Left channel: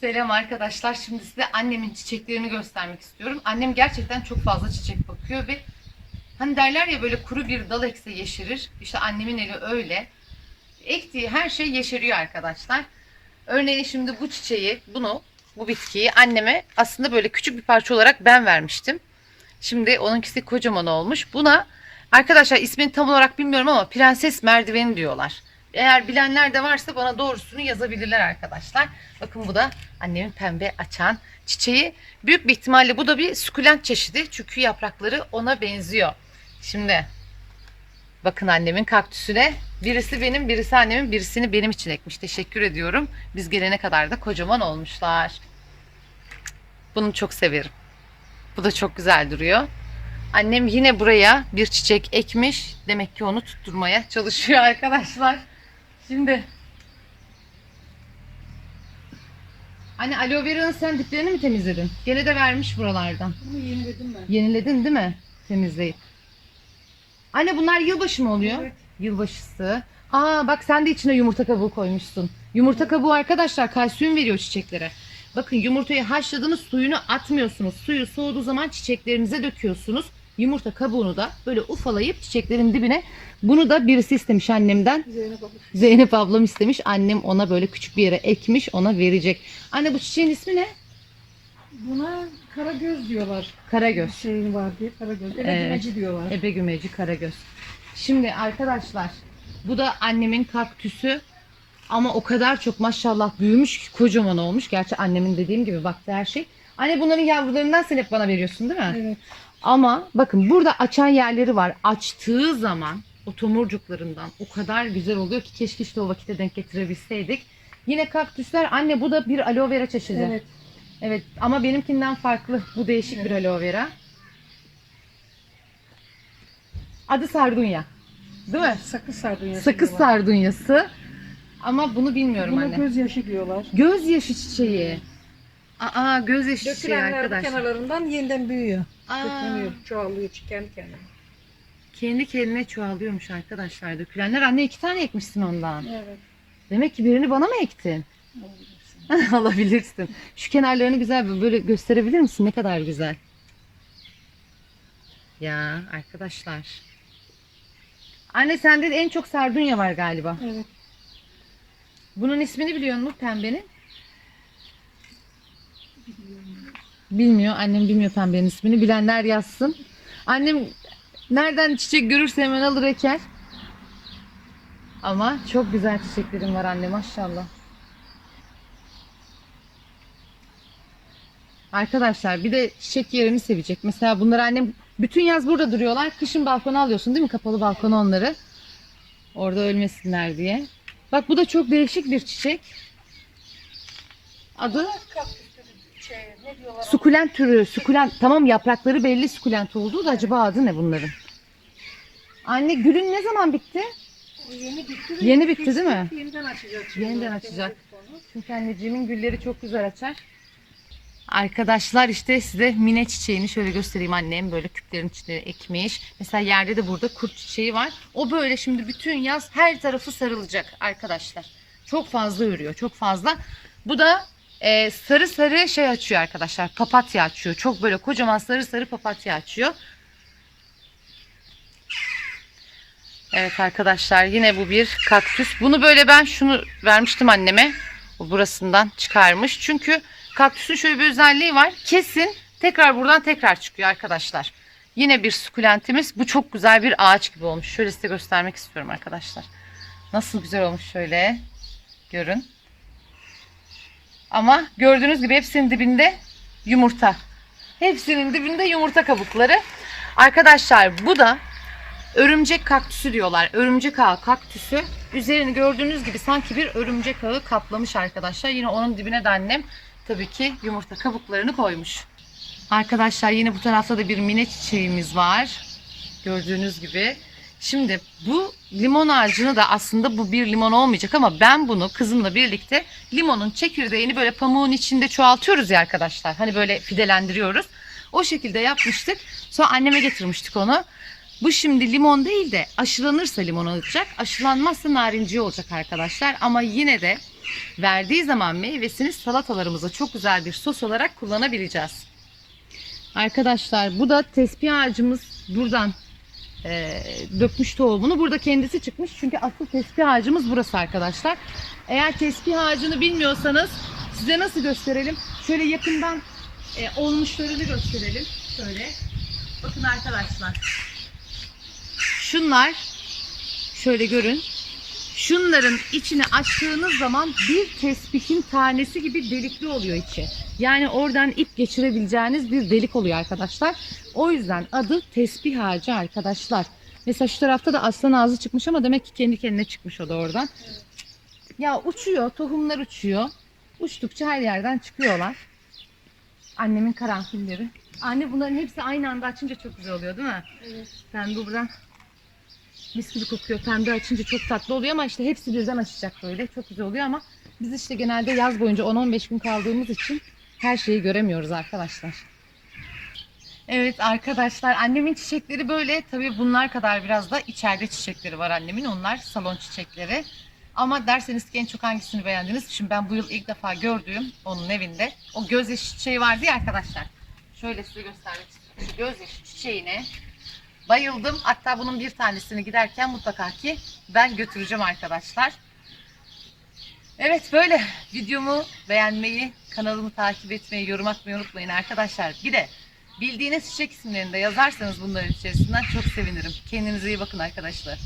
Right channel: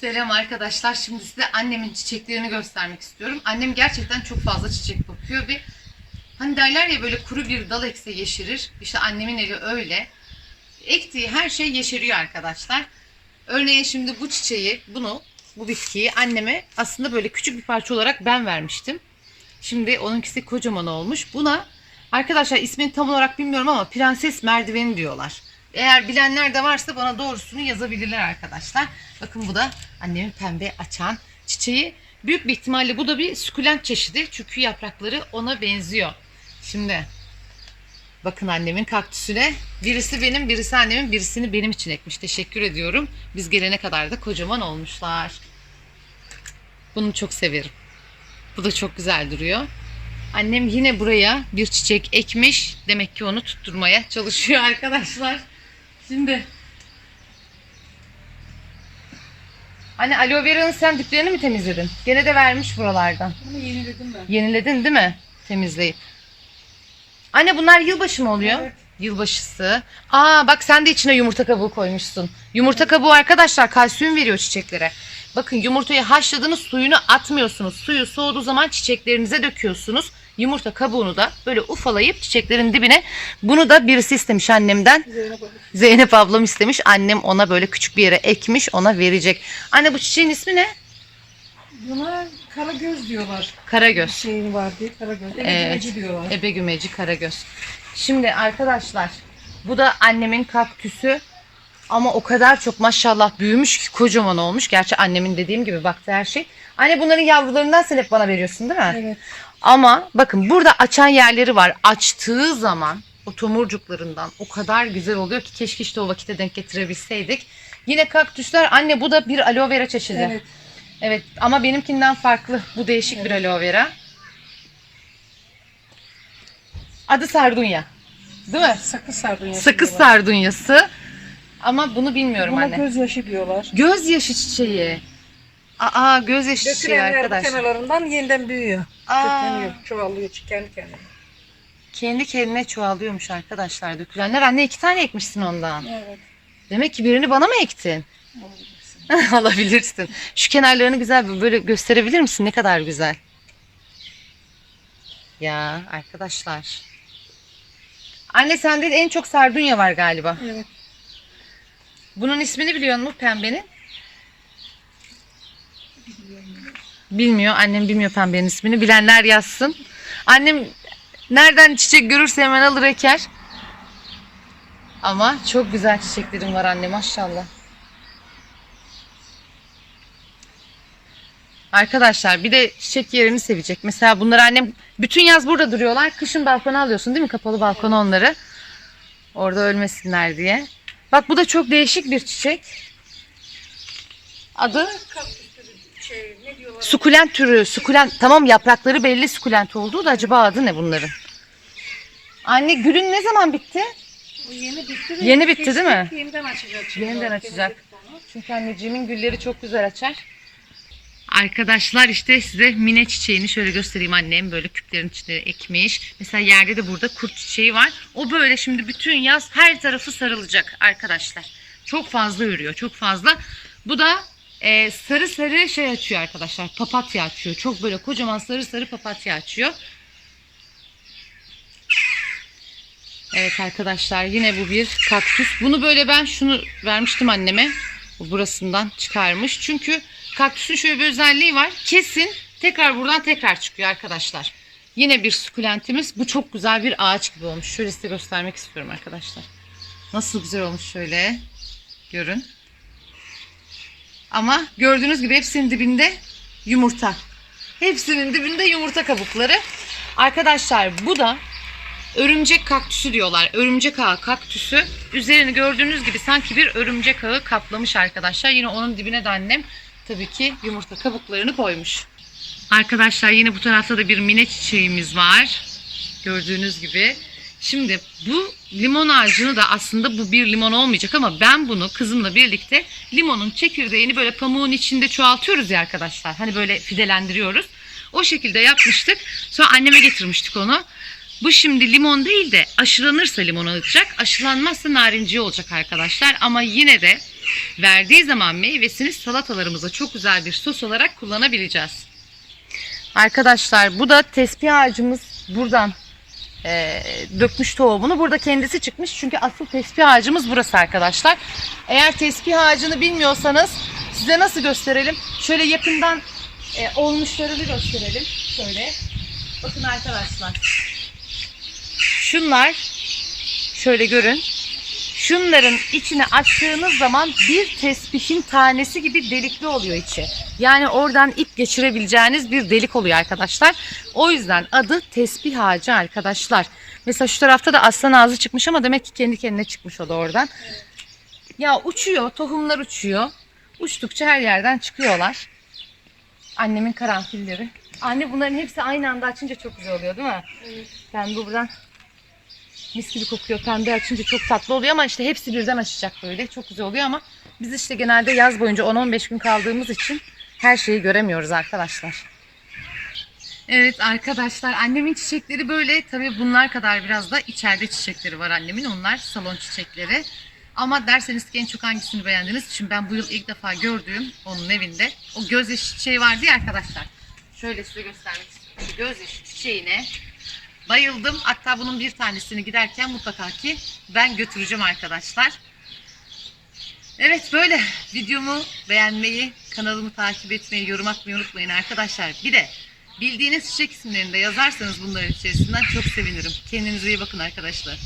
Selam arkadaşlar. Şimdi size annemin çiçeklerini göstermek istiyorum. Annem gerçekten çok fazla çiçek bakıyor ve hani derler ya böyle kuru bir dal ekse yeşerir. İşte annemin eli öyle. Ektiği her şey yeşeriyor arkadaşlar. Örneğin şimdi bu çiçeği, bunu, bu bitkiyi anneme aslında böyle küçük bir parça olarak ben vermiştim. Şimdi onunkisi kocaman olmuş. Buna arkadaşlar ismini tam olarak bilmiyorum ama prenses merdiveni diyorlar. Eğer bilenler de varsa bana doğrusunu yazabilirler arkadaşlar. Bakın bu da annemin pembe açan çiçeği. Büyük bir ihtimalle bu da bir sukulent çeşidi. Çünkü yaprakları ona benziyor. Şimdi bakın annemin kaktüsüne. Birisi benim, birisi annemin, birisini benim için ekmiş. Teşekkür ediyorum. Biz gelene kadar da kocaman olmuşlar. Bunu çok severim. Bu da çok güzel duruyor. Annem yine buraya bir çiçek ekmiş. Demek ki onu tutturmaya çalışıyor arkadaşlar. Şimdi Anne aloe vera'nın sen diplerini mi temizledin? Gene de vermiş buralardan. Bunu yeniledim ben. Yeniledin değil mi? Temizleyip. Anne bunlar yılbaşı mı oluyor? Evet. Yılbaşısı. Aa bak sen de içine yumurta kabuğu koymuşsun. Yumurta kabuğu arkadaşlar kalsiyum veriyor çiçeklere. Bakın yumurtayı haşladınız suyunu atmıyorsunuz. Suyu soğuduğu zaman çiçeklerinize döküyorsunuz. Yumurta kabuğunu da böyle ufalayıp çiçeklerin dibine. Bunu da birisi istemiş annemden. Zeynep abla. Zeynep ablam istemiş. Annem ona böyle küçük bir yere ekmiş. Ona verecek. Anne bu çiçeğin ismi ne? Buna karagöz diyorlar. Karagöz. Şeyin var diye karagöz. Evet. Evet. diyorlar. Ebe gümeci karagöz. Şimdi arkadaşlar bu da annemin kaktüsü. Ama o kadar çok maşallah büyümüş ki kocaman olmuş. Gerçi annemin dediğim gibi baktı her şey. Anne bunların yavrularından sen hep bana veriyorsun değil mi? Evet. Ama bakın burada açan yerleri var. Açtığı zaman o tomurcuklarından o kadar güzel oluyor ki keşke işte o vakite denk getirebilseydik. Yine kaktüsler anne bu da bir aloe vera çeşidi. Evet, Evet. ama benimkinden farklı. Bu değişik bir aloe vera. Adı sardunya. Değil mi? Sakız sardunyası Sakız diyorlar. sardunyası. Ama bunu bilmiyorum Buna anne. gözyaşı diyorlar. Gözyaşı çiçeği. Aa gözyaşı çiçeği Dökülenler bu arkadaşlar. kenarlarından yeniden büyüyor. Aa. Kökleniyor, çoğalıyor kendi kendine. Kendi kendine çoğalıyormuş arkadaşlar dökülenler. Anne iki tane ekmişsin ondan. Evet. Demek ki birini bana mı ektin? olabilirsin. Alabilirsin. Şu kenarlarını güzel bir böyle gösterebilir misin? Ne kadar güzel. Ya arkadaşlar. Anne sende de en çok sardunya var galiba. Evet. Bunun ismini biliyor musun pembenin? Bilmiyor. Annem bilmiyor pembenin ismini. Bilenler yazsın. Annem nereden çiçek görürse hemen alır eker. Ama çok güzel çiçeklerim var anne maşallah. Arkadaşlar bir de çiçek yerini sevecek. Mesela bunları annem bütün yaz burada duruyorlar. Kışın balkona alıyorsun değil mi? Kapalı balkona onları. Orada ölmesinler diye. Bak bu da çok değişik bir çiçek. Adı Kaktüs şey ne diyorlar? Sukulent türü, sukulent. Tamam yaprakları belli sukulent olduğu da acaba adı ne bunların? Anne gülün ne zaman bitti? Bu yeni bitti. Yeni bitti değil mi? Yeniden açacak. şimdi. Yeniden açacak. Çünkü anneciğimin gülleri çok güzel açar. Arkadaşlar işte size mine çiçeğini şöyle göstereyim annem böyle küplerin içine ekmiş. Mesela yerde de burada kurt çiçeği var. O böyle şimdi bütün yaz her tarafı sarılacak arkadaşlar. Çok fazla örüyor çok fazla. Bu da e, sarı sarı şey açıyor arkadaşlar. Papatya açıyor. Çok böyle kocaman sarı sarı papatya açıyor. Evet arkadaşlar yine bu bir kaktüs. Bunu böyle ben şunu vermiştim anneme. Bu burasından çıkarmış. Çünkü kaktüsün şöyle bir özelliği var. Kesin tekrar buradan tekrar çıkıyor arkadaşlar. Yine bir sukulentimiz. Bu çok güzel bir ağaç gibi olmuş. Şöyle size göstermek istiyorum arkadaşlar. Nasıl güzel olmuş şöyle. Görün. Ama gördüğünüz gibi hepsinin dibinde yumurta. Hepsinin dibinde yumurta kabukları. Arkadaşlar bu da örümcek kaktüsü diyorlar. Örümcek ağı kaktüsü. Üzerini gördüğünüz gibi sanki bir örümcek ağı kaplamış arkadaşlar. Yine onun dibine de annem tabii ki yumurta kabuklarını koymuş. Arkadaşlar yine bu tarafta da bir mine çiçeğimiz var. Gördüğünüz gibi. Şimdi bu limon ağacını da aslında bu bir limon olmayacak ama ben bunu kızımla birlikte limonun çekirdeğini böyle pamuğun içinde çoğaltıyoruz ya arkadaşlar. Hani böyle fidelendiriyoruz. O şekilde yapmıştık. Sonra anneme getirmiştik onu. Bu şimdi limon değil de aşılanırsa limon olacak. Aşılanmazsa narenciye olacak arkadaşlar. Ama yine de verdiği zaman meyvesini salatalarımıza çok güzel bir sos olarak kullanabileceğiz. Arkadaşlar bu da tespih ağacımız buradan e, dökmüş tohumunu. Burada kendisi çıkmış çünkü asıl tespih ağacımız burası arkadaşlar. Eğer tespih ağacını bilmiyorsanız size nasıl gösterelim? Şöyle yakından e, olmuşlarını gösterelim. Şöyle. Bakın arkadaşlar. Şunlar şöyle görün. Şunların içine açtığınız zaman bir tespihin tanesi gibi delikli oluyor içi. Yani oradan ip geçirebileceğiniz bir delik oluyor arkadaşlar. O yüzden adı tesbih ağacı arkadaşlar. Mesela şu tarafta da aslan ağzı çıkmış ama demek ki kendi kendine çıkmış o da oradan. Ya uçuyor, tohumlar uçuyor. Uçtukça her yerden çıkıyorlar. Annemin karanfilleri. Anne bunların hepsi aynı anda açınca çok güzel oluyor değil mi? Evet. Pembe buradan mis gibi kokuyor. Pembe açınca çok tatlı oluyor ama işte hepsi birden açacak böyle. Çok güzel oluyor ama biz işte genelde yaz boyunca 10-15 gün kaldığımız için her şeyi göremiyoruz arkadaşlar. Evet arkadaşlar annemin çiçekleri böyle tabii bunlar kadar biraz da içeride çiçekleri var annemin. Onlar salon çiçekleri. Ama derseniz ki en çok hangisini beğendiniz? Şimdi ben bu yıl ilk defa gördüğüm onun evinde o gözyaşı çiçeği vardı ya arkadaşlar. Şöyle size göstermek istiyorum. Şu gözyaşı çiçeğine bayıldım. Hatta bunun bir tanesini giderken mutlaka ki ben götüreceğim arkadaşlar. Evet böyle videomu beğenmeyi, kanalımı takip etmeyi, yorum atmayı unutmayın arkadaşlar. Bir de bildiğiniz çiçek isimlerini de yazarsanız bunların içerisinden çok sevinirim. Kendinize iyi bakın arkadaşlar.